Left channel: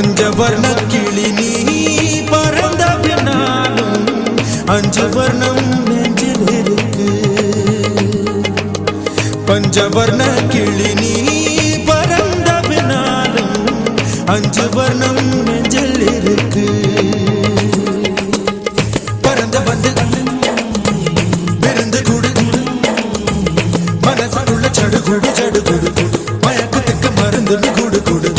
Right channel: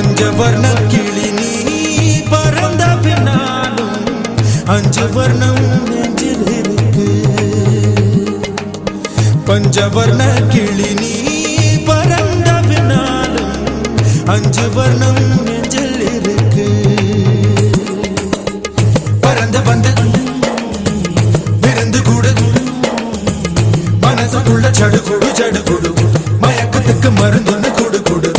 பஞ்சவர்ண கிளி நீ பறந்த பின்னாலும் 5 வர்ணம் நெஞ்சில் இருக்கு. பஞ்சவர்ண கிளி நீ பறந்த பின்னாலும் 5 வர்ணம் நெஞ்சில் இருக்கு. பறந்து வந்து விருந்து கூடு, மனசுக்குள்ள சடுகுடு சடுகுடு, மயக்கத்துக்கு மருந்துன்னு கூடு கூடு.